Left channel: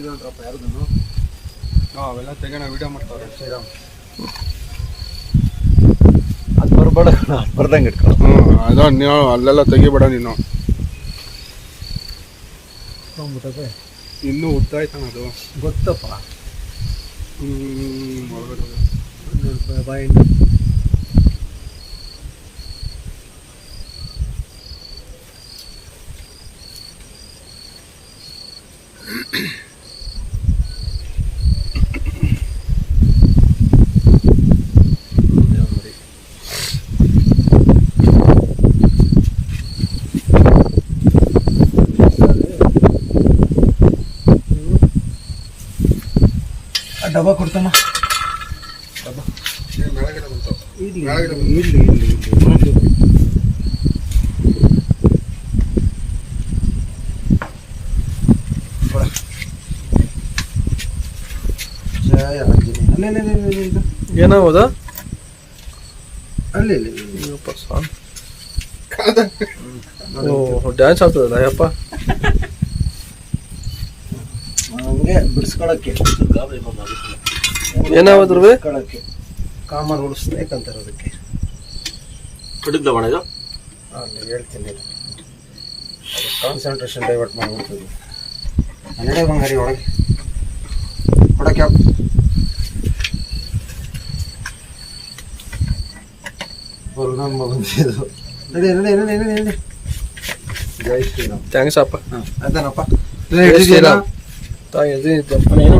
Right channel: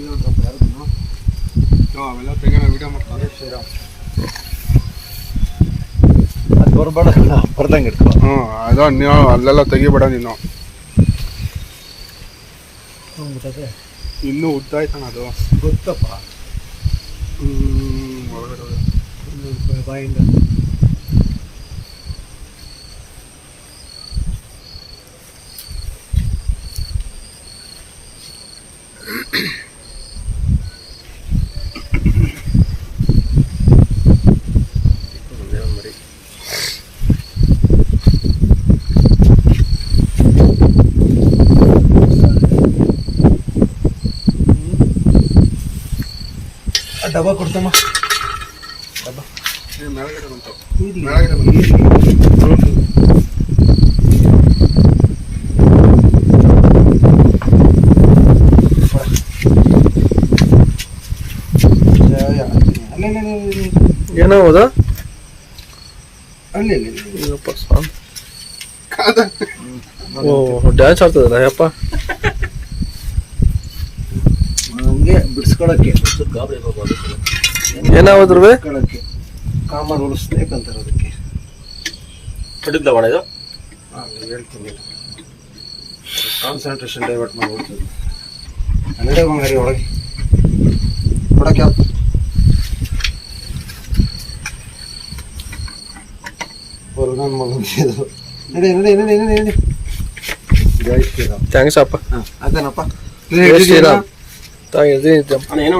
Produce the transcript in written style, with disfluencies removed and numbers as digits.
ತೆಗೆದ್ರಪ್ಪ ಯಾರ್ದು ಅವೆಲ್ಲ ತೆಗೋಣ ವಿಡಿಯೋ ಮಾಡ್ತಾರೆ ಶ್ರೀರಾಮ್ ಅದು ಬರ್ಬೇಡ ಬರ್ದಂಗೆ ಇಟ್ಕೊ. ಅದು ನೀವು ಅಲ್ಲೆಲ್ಲ ತೆಗಿಬೇಡ ನೀನು. ಇನ್ನೂ ಉದ್ದ ಆಯ್ತಾನ ಅದು ಗೊತ್ತಪ್ಪ. ಒಳಗಡೆ ಬಾಯಿಂದ ಡಬ್ಬ ಕೊಡ್ತಮ್ಮ. ಡಬ್ಬ ಮೇಳಗಡೆ ಬಂತು. ಏನಾಗೋದ ಅಲ್ಲಿ ಡ್ಯಾನ್ಸ್ ಆಗ್ತದಲ್ಲ ಯಪ್ಪ ಹಂಗೆ ಬಿಡಿಸ್ಕೊಳಕ್ಕೆ ಏನಾದ್ರು ಕಾಮನ್ ಉಳಿಸ್ಬೇಕಂತಾರೆ ಅದಕ್ಕೆ ಕಡಿದ್ದ ಬಣ ಇದು ಹೇಳ್ತೀನಿ. ಕಾನ್ಸಂಟ್ರೇಷನ್ ಡೈವರ್ಟ್ ಮಾಡ್ಬಿಡ್ತೀವಿ. ನಡೆ ಬಂಗಾರಿ ಒಳಗೆ ಕೊಡಕ್ಕೆ ನನ್ನ ಮಗನ ಇದು ನಡಿ ನಡಿ ನಡಿ ನಡಿ ನಡಿ. ಜೈ ಶ್ರೀರಾಮ್. ಥ್ಯಾಂಕ್ಸ್ ಅಪ್ಪ. ಆಯ್ತಾನಪ್ಪ. ಜೈ ಶ್ರೀರಾಮ್. ಏನೋ